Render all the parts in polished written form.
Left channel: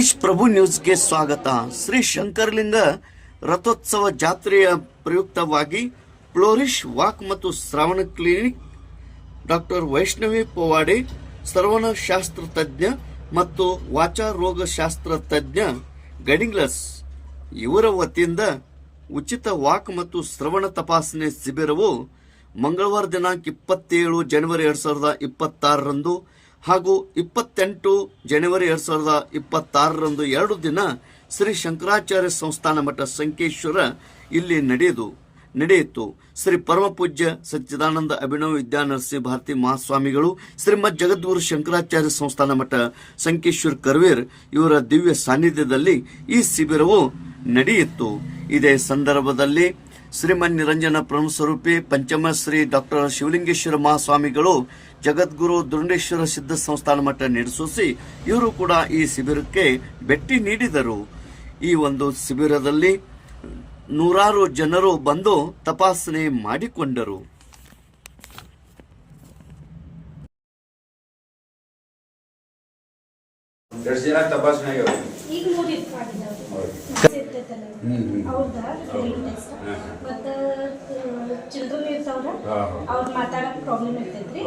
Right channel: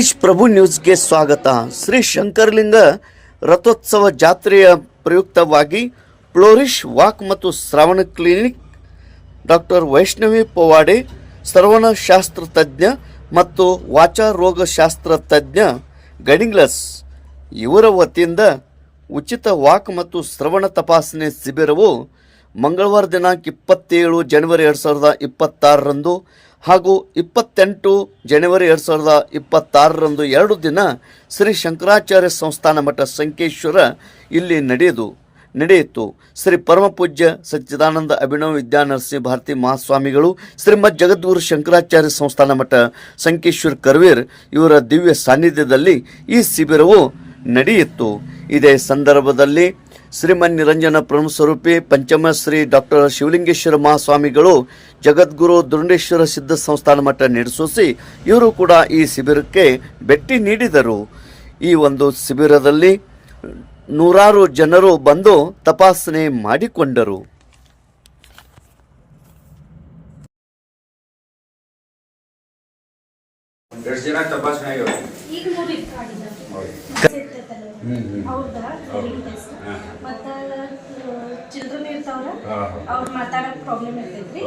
ತೇಜ್ ಪ್ರಭು ನ್ಯೂಸ್ಗೆ ಸ್ವಾಗತ. ಶ್ರೀ ಶಂಕರಲಿಂಗ ರಥೋತ್ಸವ ಜಾತ್ರೆಯ ಪ್ರಯುಕ್ತವಾಗಿ ಫ್ಲೋರಿಶ್ ವಾಕ್ ಮತ್ತು ಶ್ರವಣ ಕ್ಲಿನಿಕ್ ಡಾಕ್ಟರ್ ವೈಷ್ಣವಿ ಪವಾಡೆ ಸರ್ವನಶಾಸ್ತ್ರ ತಜ್ಞ ಮತ್ತು ವಾಚಾ ರೋಗ ಶಾಸ್ತ್ರ ತಜ್ಞ ಗಡಿಂಗ್ಲಸ್ ಇವರ ವತಿಯಿಂದ ಉಚಿತ ವಾಕ್ ಮತ್ತು ಶ್ರವಣ ತಪಾಸಣೆ ಶಿಬಿರವು ಮಂಗಳವಾರ ದಿನಾಂಕ 27 ಜನವರಿ 2026ರಂದು ಹಾಗೂ 28 ಜನವರಿ 2026ರಂದು 2 ದಿನ ಶ್ರೀ ಶಂಕರಾಚಾರ್ಯ ಸಂಸ್ಥಾನ ಮಠ ಸಂಕೇಶ್ವರ ಇಲ್ಲಿ ನಡೆಯಿತು. ಶ್ರೀ ಪರಮ ಪೂಜ್ಯ ಸಚ್ಚಿದಾನಂದ ಅಭಿನವ ವಿದ್ಯಾನರಸಿಂಹ ಭಾರತಿ ಮಹಾಸ್ವಾಮಿಗಳು, ಶ್ರೀಮದ್ ಜಗದ್ಗುರು ಶಂಕರಾಚಾರ್ಯ ಸಂಸ್ಥಾನ ಮಠ ಸಂಕೇಶ್ವರ ಕರ್ವೇರ್ ಇವರ ದಿವ್ಯ ಸಾನ್ನಿಧ್ಯದಲ್ಲಿ ಈ ಶಿಬಿರವು ನಡೆಯಿತು. ಇದೇ ಸಂದರ್ಭದಲ್ಲಿ ಶ್ರೀಮನ್ ನಿರಂಜನ ಪ್ರಮುಖ ಸ್ವರೂಪಿ ಪಂಚಮ ಶ್ರೀ ಡಾಕ್ಟರ್ ಶಿವಲಿಂಗೇಶ್ವರ ಮಹಾಸ್ವಾಮಿಗಳು, ಜಗದ್ಗುರು ದುರುಂಡೇಶ್ವರ ಸಿದ್ಧ ಸಂಸ್ಥಾನ ಮಠ ನಡೆಸೋಸಿ ಇವರು ಕೂಡ ಈ ಶಿಬಿರಕ್ಕೆ ಭೇಟಿ ನೀಡಿದರು. ಈ ಒಂದು ಶಿಬಿರದಲ್ಲಿ ನೂರಾರು ಜನರು ಬಂದು ತಪಾಸಣೆ ಮಾಡಿಕೊಂಡರು. ಚಿಲ್ಡ್ರನ್ ಇರ್ತಾವ್ರ ಅವ್ರ ಮಾತಾಡಕ್ ಪ್ರಾಬ್ಲಮ್ ಇರ್ತೈತ್ರಿ.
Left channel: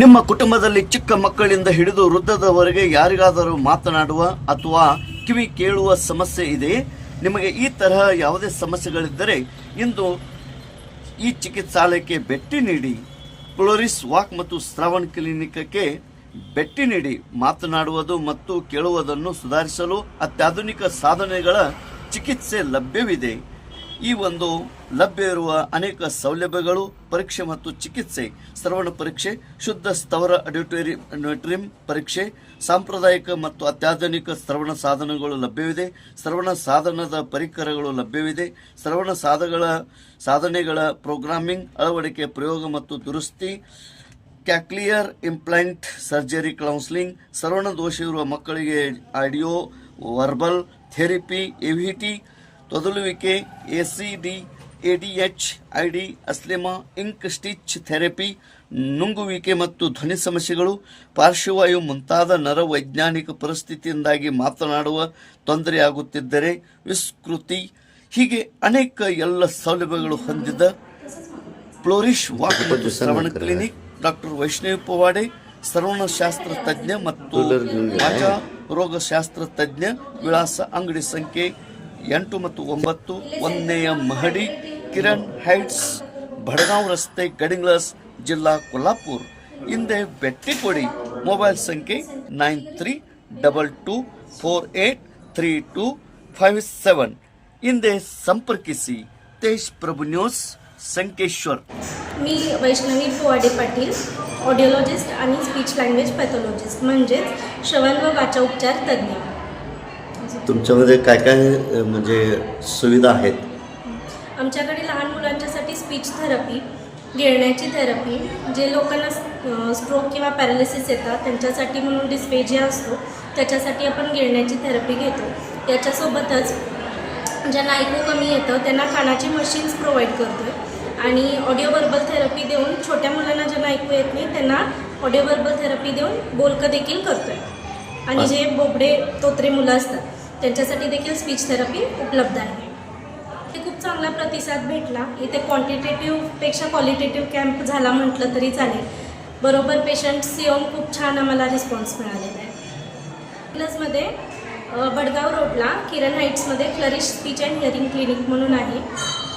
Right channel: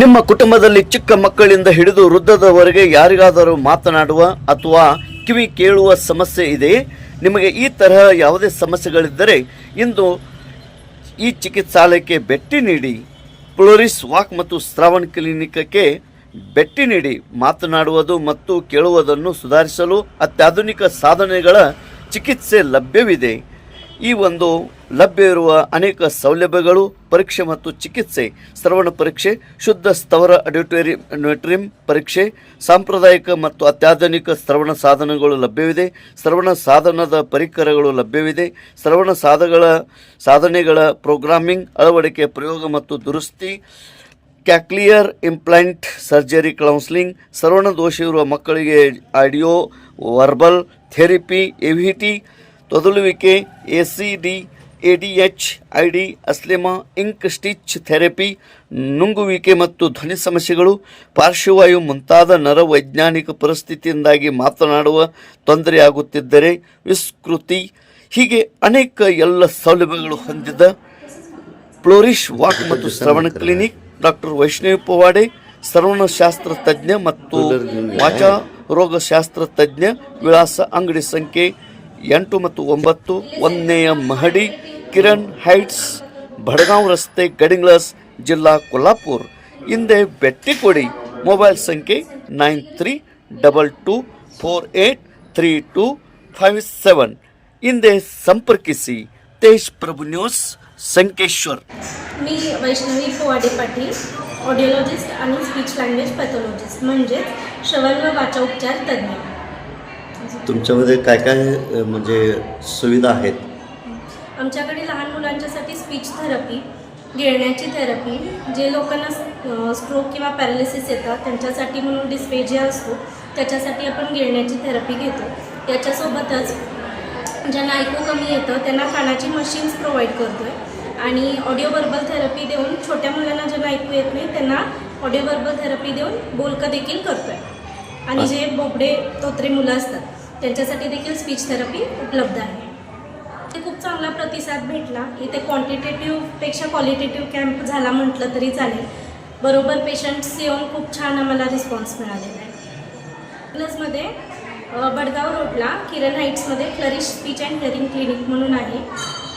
ನಿಮ್ಮ ಕುಟುಂಬದಲ್ಲಿ ಚಿಕ್ಕ ಮಕ್ಕಳಿಂದ ಹಿಡಿದು ವೃದ್ಧದವರೆಗೆ ಯಾರಿಗಾದರೂ ಮಾತನಾಡುವ ಅಥವಾ ಕಿವಿ ಕೇಳುವ ಸಮಸ್ಯೆ ಇದೆ? ನಿಮಗೆ ಈ ತರಹ ಯಾವುದೇ ಸಮಸ್ಯೆಗಳಿದ್ದರೆ ಇಂದು ಈ ಚಿಕಿತ್ಸಾಲಯಕ್ಕೆ ಭೇಟಿ ನೀಡಿ. ಫ್ಲೋರಿಶ್ ವಾಕ್ ಮತ್ತು ಶ್ರವಣ ಕ್ಲಿನಿಕ್ಗೆ ಭೇಟಿ ನೀಡಿ. ಮಾತನಾಡುವುದು ಮತ್ತು ಕೇಳುವುದನ್ನು ಸುಧಾರಿಸಲು ಅತ್ಯಾಧುನಿಕ ಸಾಧನೆಗಳ ಚಿಕಿತ್ಸೆ ಲಭ್ಯವಿದೆ. ಈ ಒಂದು ಲಭ್ಯವಿರುವ ಅನೇಕ ಸೌಲಭ್ಯಗಳು: ಪರೀಕ್ಷೆ ಮತ್ತು ಚಿಕಿತ್ಸೆ, ಶ್ರವಣ ಪರೀಕ್ಷೆ, ಶುದ್ಧ ಸ್ಥವರ ಆಡಿಟೋರಿಯಂ ಪರೀಕ್ಷೆ, ಸಾಂಪ್ರದಾಯಿಕ ಮತ್ತು ಅತ್ಯಾಧುನಿಕ ಶ್ರವಣ ಸಾಧನಗಳು ಲಭ್ಯವಿದೆ. ಶ್ರವಣ ಸಾಧನದ ಪರಿಕರಗಳು ಲಭ್ಯವಿದೆ. ಶ್ರವಣ ಸಾಧನೆಗಳ ಪ್ರೋಗ್ರಾಮಿಂಗ್, ಅಳವಡಿಕೆ, ಪ್ರಯೋಗ ಮತ್ತು ದುರಸ್ತಿ, ಕ್ಯಾಕ್ಲಿಯರ್ ಇಂಪ್ಲಾಂಟ್ ಸರ್ಜರಿ, ಕೌನ್ಸಿಲಿಂಗ್, ಶ್ರವಣ ದೋಷ ಇರುವ ಮಕ್ಕಳಿಗೆ ಆಡಿಯೋ ವರ್ಬಲ್ ಥೆರಪಿ, ಎವಿಟಿ, ತೊದಲುವಿಕೆ, ಎಸಿಡಿ, ಎಡಿಎಚ್, ಐಡಿ, ಅಸ್ಲೆಮಾ, ಇಂಕ್ ಸ್ಟಿಚ್ ಥೆರಪಿ, ನುಂಗುವಿಕೆ ಮತ್ತು ಧ್ವನಿ ಸಮಸ್ಯೆಗಳು, ಪಾರ್ಶ್ವವಾಯು ಮುಂತಾದ ನರವೈಜ್ಞಾನಿಕ ಪರಿಸ್ಥಿತಿಯಿಂದಾಗಿ ಮಾತನಾಡುವ ತೊಂದರೆಯಾಗುತ್ತಿದ್ದರೆ ವಿಸ್ಕೃತಿ, ಹೀಗೆ ಅನೇಕ ಎಲ್ಲ ಸೌಲಭ್ಯಗಳು ಹೊಂದಿದ ಫ್ಲೋರಿಶ್ ವಾಕ್ ಮತ್ತು ಶ್ರವಣ ಕ್ಲಿನಿಕ್ ಡಾಕ್ಟರ್ ವೈಷ್ಣವಿ ಪವಾಡೆ ಸರ್ವನಶಾಸ್ತ್ರ ತಜ್ಞ ಮತ್ತು ವಾಚಾ ರೋಗಶಾಸ್ತ್ರ ತಜ್ಞ. ವಿಳಾಸ: ಅಂಗಡಿ ಸಂಖ್ಯೆ 8 ಮತ್ತು 9, 1ನೇ ಮಹಡಿ, ಕಿರಣ್ ಹೈಟ್ಸ್, ಬಡಗಾಂವ್ ರಸ್ತೆ, ಗಡಿಂಗ್ಲಸ್, ಜಿಲ್ಲಾ ಕೊಲ್ಹಾಪುರ. ಹಿಂದೆ ಭೇಟಿ ಕೊಡಿ. ಮೊಬೈಲ್ ಸಂಖ್ಯೆ 9322483257. ಹಿಂದೆ ಸಂಪರ್ಕಿಸಿ. ತೇಜ್ ಪ್ರಭು ನ್ಯೂಸ್, संकेश्वर. मी वैष्णवी पवाडे पाटील, ऑडिओलॉजिस्ट आणि स्पीच लँग्वेज पॅथॉलॉजिस्ट म्हणजेच श्रवण व वाचा उपचार तज्ञ. तुमच्यामध्ये काय काय म्हणजे सुविधा आहेत? आमच्याकडे लहान मुलांच्यासाठी स्पीच थेरपी, गिळण्याची थेरपी, जे लोकांना स्ट्रोक किंवा पॅरालिसिस येतात त्यांच्यासाठी म्हणून डिस्पेजिया असतो, त्याच्यासाठी आपण गिळण्याची थेरपी घेतो. त्याच्यासोबतच ज्यांना ऐकू कमी येतं त्यांना कानाची मशीन्स प्रोव्हाइड करतो आहे आणि ऑडिओ वर्बल थेरपी देऊन छोट्या मुलांना ज्यांना ऐकू येत नाही त्यांना ऑडिओ वर्बल थेरपी देऊन बोलकं देखील करतो आहे. आणि जे बोबडे तोत्रे मुलं असतात त्यांच्यासाठी देखील स्पीच थेरपी उपलब्ध आहे. ते खूप चांगला प्रतिसाद भेटला. इथे क्वांटिटेटिव्हपेक्षा क्वालिटेटिव्ह कॅम्प झाला म्हटलं तरी चालेल. बरोबर पेशंट्स येऊन खूप छान आम्हाला रिस्पॉन्स मिळालेला आहे. प्लसमध्ये बडगाव रोडला किरण हाईट्समध्ये flourish speech and hearing clinic म्हणून आहे.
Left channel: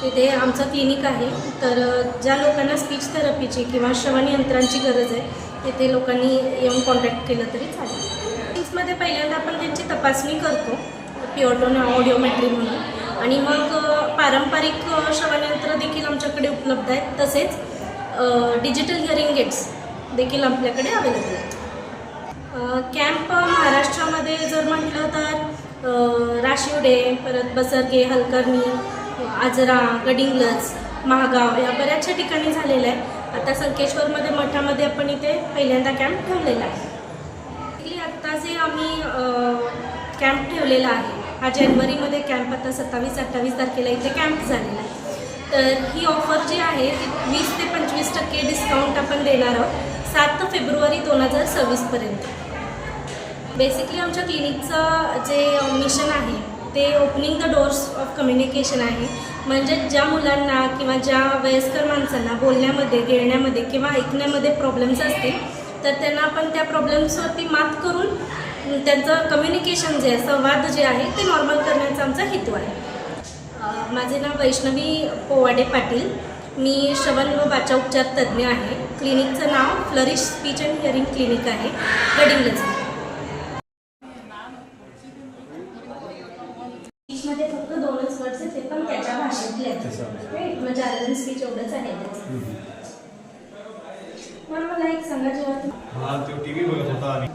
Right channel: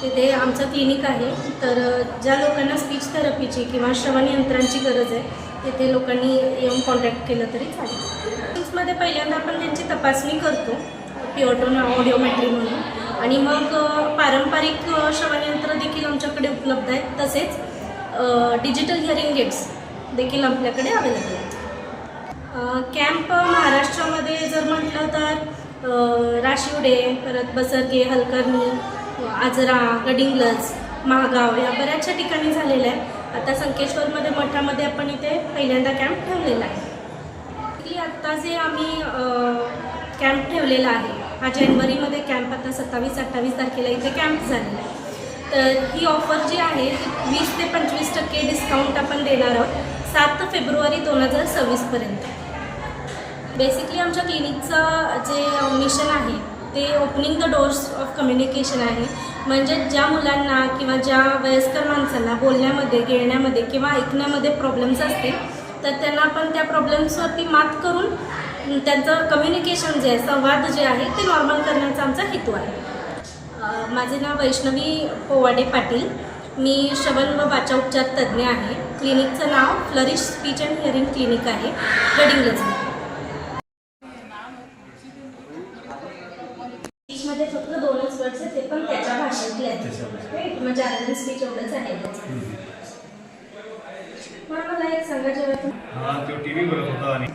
तिथे आमचं क्लिनिक आहे. तर ज्या लोकांना स्पीच थेरपीची किंवा श्रवण यंत्रांची गरज आहे तिथे लोकांनी येऊन कॉन्टॅक्ट केलं तरी चालेल. मध्ये पहिल्यांदा आपण त्यांची तपासणी करतो, पिओटोन ऑडिओमेट्री म्हणून, आणि मग पारंपरिक श्रवणयंत्र देखील आमच्याकडे उपलब्ध आहेत. तसेच डिजिटल हिअरिंग एड्स देखील आपल्याकडे अवेलेबल आहेत. कॅम्प महाराष्ट्रामध्ये जर म्हटलं तर राशिवडे, परत बसरगे, हलकर्णी, आजरा, गडिंग्लज, महागाव या बऱ्याचशा ठिकाणी झालेलं आहे. आता संकेश्वरमध्ये मठामध्ये आपण इथे पहिल्यांदा कॅम्प ठेवलेला आहे. आत्ता जे आम्ही कॅम्प ठेवलेला आहे हा जानेवारीमध्ये कॅम्प आता 27-28 तारखेला इथे कॅम्प झालेला आहे. तर ही ऑफर जी आहे ती 20 ते 25% डिस्काउंट आपण देणार आहोत 7 फेब्रुवारी 2026पर्यंत. बेसिकली आमच्या क्लिनिकचं जे मिशन आहे ते opening the doors of communication आहे. म्हणजे ज्या मुलांना किंवा ज्या वयस्कर माणसांना बोलण्यामध्ये, गिळण्यामध्ये किंवा ऐकण्यामध्ये प्रॉब्लेम्स असतील तर त्यांना आपण त्या प्रॉब्लेम्सवरती मात करून त्यांचं कम्युनिकेशन जे आहे, संवाद जे आहे ते नॉर्मल करण्याचा आमचा हेतू आहे. माझे नाव वैष्णवी पोवाडे पाटील. मी श्रवण व वाचा उपचार तज्ज्ञ आहे. क्लिनिकचं नाव flourish speech and hearing clinic आहे, गडिंग्लज. स्पीचमध्ये फक्त 2च वर्ड्स आहेत, ते पण त्याच्या भाषेतले आहेत, राईट. म्हणजे अर्धन स्पीच एवढंच आहे त्याचं. पण मला एक सांगा, जेव्हा हा तो टीव्ही बघत होता आणि